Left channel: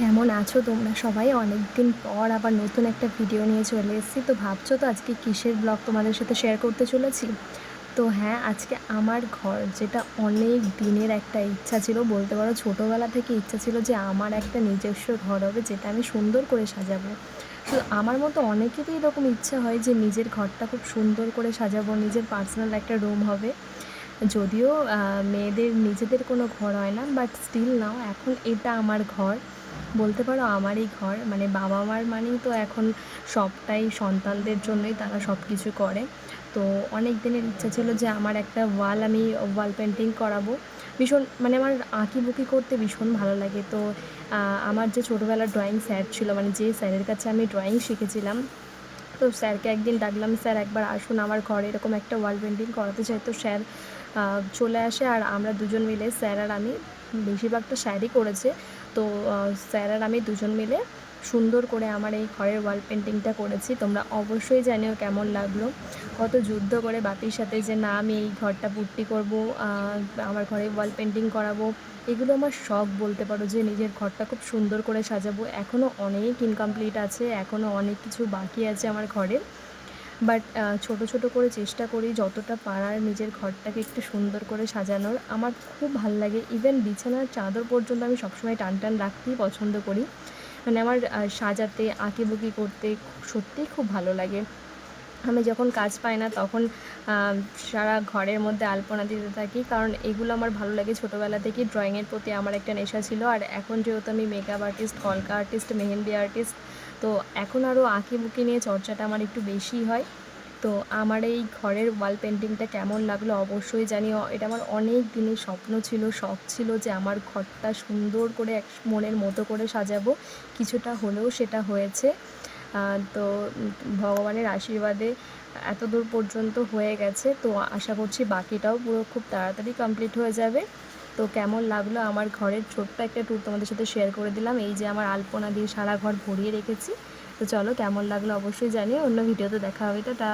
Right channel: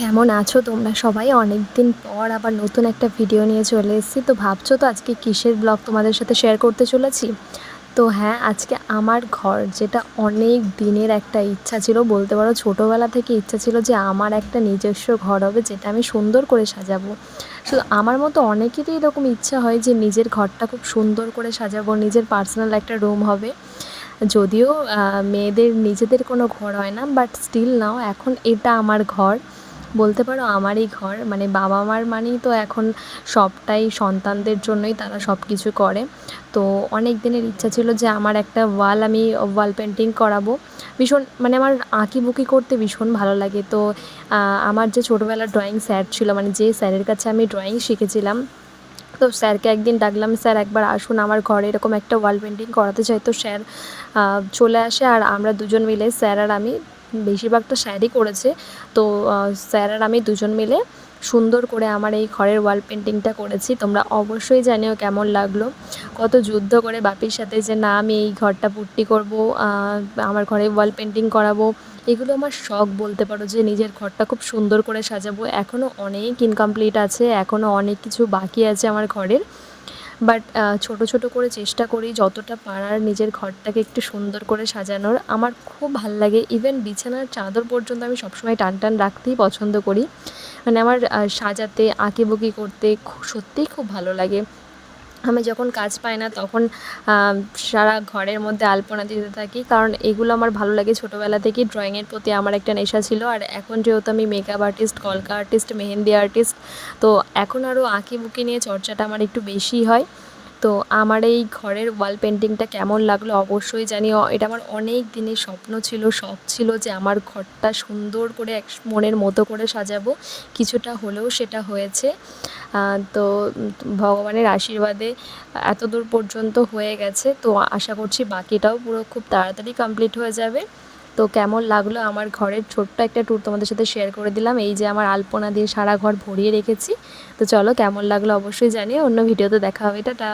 কেমন আছো তোমরা সবাই? অনেক দিন পর আবার নতুন একটা ভিডিও নিয়ে চলে এসেছি। তো ভাবছো তো আজকে কিসের ব্লগ তোমাদের সাথে শেয়ার করতে চলেছি? তো হ্যাঁ, আজকে আমার ঘর, যেটা অনেক দিনের একটা ইচ্ছা ছিল, বলতে পারো ছোটোবেলা থেকে ইচ্ছা ছিল যে আমার একটা নিজস্ব ঘর হবে, যেটা আমি সুন্দর করে সাজাবো। শুধু আমার মতো অনেকেরই এরকম ইচ্ছা হয় যে নিজের ঘরটা খুব সুন্দর করে সাজাবো, নিজের পার্সোনাল একটা রুম হবে। যদিও মেয়েদের নিজেদের কোনো ঘর হয় না, বাট স্টিল নাও এখন এটা আমার ঘর। বলতে পারো আমারই ঘর, মানে বাবা মার মানেই তো এখন সবটাই সন্তানদের জন্যই, তারা সব কিছু করে। তো অনেক দিনের ইচ্ছা ছিল যে আমার একটা আমি ওয়াল পেন্টিং করাবো। ভীষণ, মানে আমার আঁকিবুকি করতে ভীষণ ভালো লাগে। তো আমার যে ছোটোবেলার ড্রয়িং স্যার ছিল, মানে যে স্যারের কাছে আমি ড্রয়িং শিখেছিলাম, তো স্যারকে একদিন ডাকলাম, স্যার একবার আসুন, আমার ঘরে এরকম একটা ওয়াল পেন্টিং করাতে চাই। তো স্যার চলে আসে, আর আমরা দুজন মিলে, স্যার আর আমি, বেশিরভাগটা স্যারই করেছে। তো স্যার আর আমি দুজন মিলে সুন্দর করে আমার এই ঘরের ওয়াল পেন্টিংটা করেছি। তোমরা অবশ্যই জানিও কেমন লাগলো। কত যুদ্ধ করে বাপির সাথে যে না, আমি এই ঘরটা পুট্টি করবো, আমার ঘরে ওয়াল পেন্টিং করাবো। এগুলো আমার শখ, বলতে পারো যে নিজের ঘরটা খুব সুন্দর করে সাজাবো। এখনও অনেক ইনকমপ্লিট আছে, এখনও অনেক কিছু বাকি আছে আমার ঘরের। বাট ছোটো ছোটো করে চেষ্টা করি যতটা পারার নিজের ঘরটাকে একটু সুন্দর করে সাজানোর। আমার খুব ভাল লাগে, ইভেন বিছানার চাদর পর্যন্ত আমি সবসময় টান টান রাখতেই পছন্দ করি। মানে আমার সাজাতে, আঁকিবুকি করতে সত্যিই খুব ভালো লাগে। আমি যখন কাজ পাই না তখন সারা ঘরের মধ্যে আলপনা দিতে থাকি, কারণ এগুলো আমার ভালো লাগে। ছোটোবেলা থেকেই ড্রয়িংয়ের প্রতি আমার একটা নেশা ছিল, আর এখন যেহেতু আমি মেকআপ আর্টিস্ট, কলকা আর্টিস্ট, মেহেন্দি আর্টিস্ট, তো এখন আরও আঁকিবুকি নিয়ে চর্চাটা আমার একটু বেশি হয়। তো আমার এই ঘরের ওয়াল পেন্টিংটা কেমন লাগলো অবশ্যই জানিও। এটা আমার অনেক দিনের স্বপ্ন ছিল, শখ ছিল যে আমার ঘরটা সুন্দর করে মনের মতো করে সাজাবো। কিছুটা হলেও সেটা হয়েছে। তো ভগবানের আশীর্বাদে এত দূর পর্যন্ত হয়ে গেছে। তো আশা করছি বাকিটাও পুরো খুব তাড়াতাড়ি কমপ্লিট হয়ে যাবে। তো কেমন লাগলো আমার ঘরের ছোট্ট একটা ট্যুর তোমাদের সাথে শেয়ার করে দিলাম। এই যে আমার আলপনা দিয়ে সারা ঘর ভরিয়ে রেখেছি। তো চলো, কেমন লাগলো অবশ্যই জানিও। অন্য ভিডিওতে দেখা হবে। টাটা।